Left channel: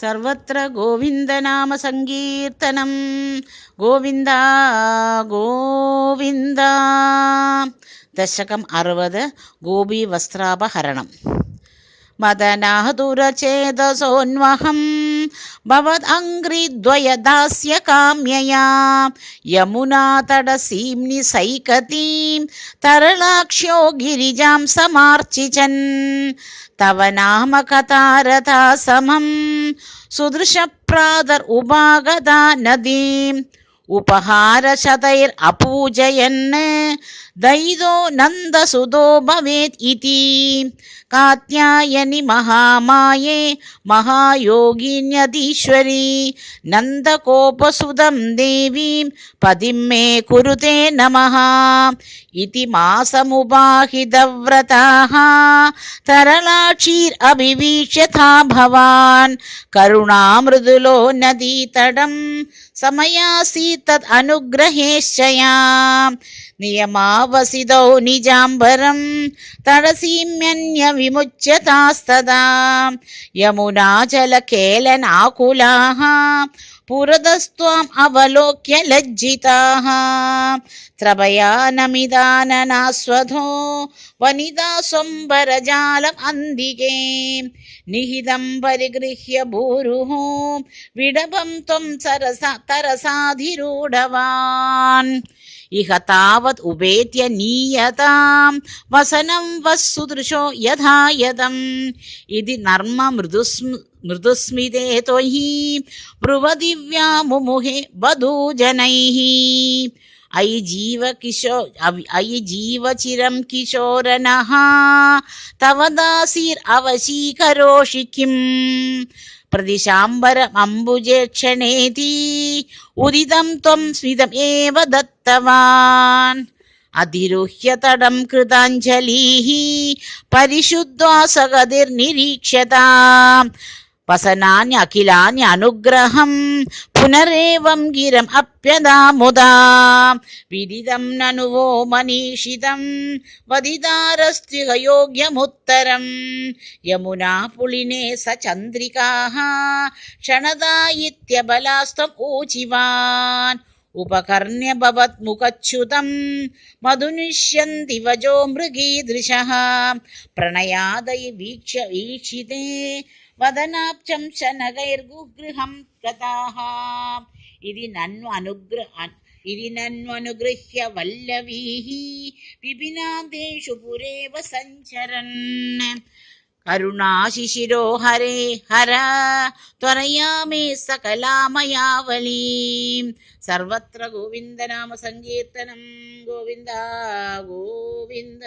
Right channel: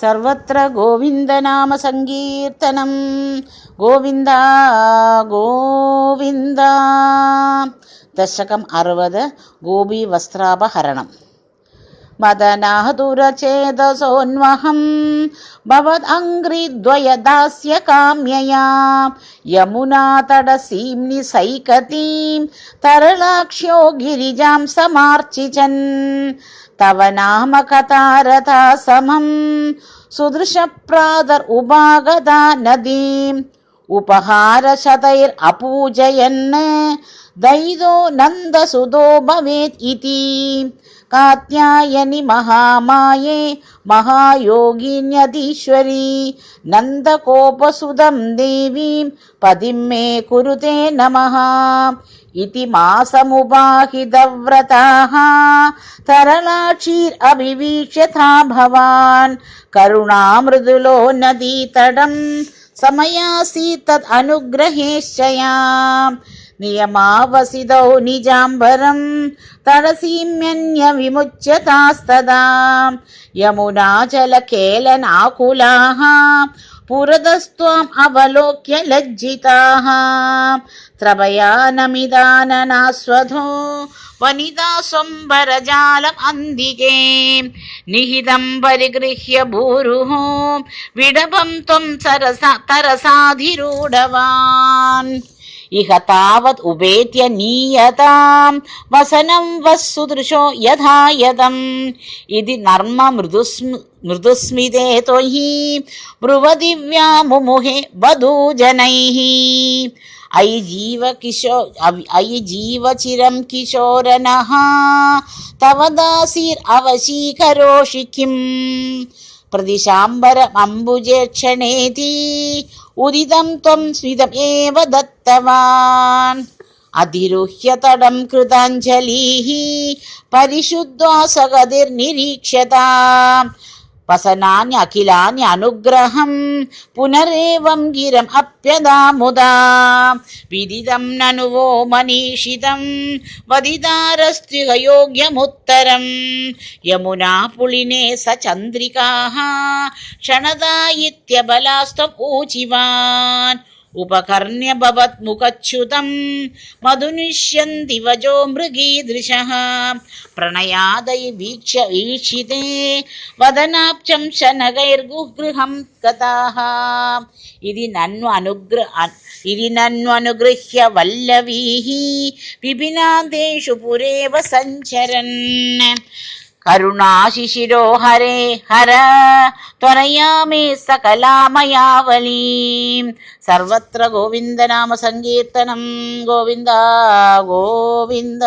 सर्वत्र गोविन्दनाम सङ्कीर्तनं गोविन्द गोविन्द। दशकं 60 गोपीवस्त्रापहरणम्। मदनादुरचेतसोन्वहं भवदङ्घ्रिद्वयदास्य काम्यया यमुनातटसीं सैकतीं तरलाक्ष्यो गिरिजां समार्चिचन् तव नाम कथारथा समं सुदृशप्रादर उपागता नदीम् उपहारशतैरपूजयन् दैदो नन्दसुतो भवेत् इति कात्यायनि महामाये महायोगिन्यधीश्वरी नन्दकोपसुदं देवीं पदिं मे कुरुते नमः इति मासमुपाहितव्रताः तरलाक्षीरभिवीक्ष्यथा भवान् करुणामृदुलो नदीतटं समयासीत् तद् अनुग्रहेश्चया नियमावसितौ निजाम्बरं तडसीम्यन्य विमुच्यतास्तदा यमुनाचलकेलनाकुलाः पुरतस्त्वाम् अवलोक्य लज्जिताः त्रपया नमिदाननास्वधो वनिता स्वम्बरजालम् अन्दिके निहितं परिगृह्य भूरुः विडभं त्वं तरसाधिरूढवान् इह तावत् उपेत्य नीयतां वसनं वः सुदृशो यथा यदम् इति नर्म मृदुस्मिते त्वयि ब्रुवदिव्या मुमुहे वधूजनैः अयि जीवचिरं किशोरनः तव दासीरवशीकरोषि किम् प्रतिशाम्बरमम्बुजेक्षणेति उदितं त्वं स्मितमेव दत्तवान् अधिरुह्य तडं कृताञ्जलिः परिशुद्ध्वासगतिर्निरीक्ष्यता वसनानि अखिलानि अनुग्रहं पुनरेवं गिरम् अप्यदामुदा विदितं ननु वो मनीषितं वदितारस्त्युगयोग्यमुत्तरं यमुना पुलिने स चन्द्रिकाः क्षणदायित्यबलास्त्वम् ऊचिवान् उपकर्ण्य भवत्मुखच्युतं मधुनिष्यन्ति वजो मृगीदृशः प्रणयादय वीक्षिते वदनाब्जं शनगैर्गुगृहं गताः इति नन्वनुगृह्य वल्लवीः विपिनादेषु पुरेव सञ्चरन् करुणाशिशिरो हरे हर त्वरया मे सकलामयावलीं सर्वत्र गोविन्दनाम सङ्कीर्तनं गोविन्द गोविन्द।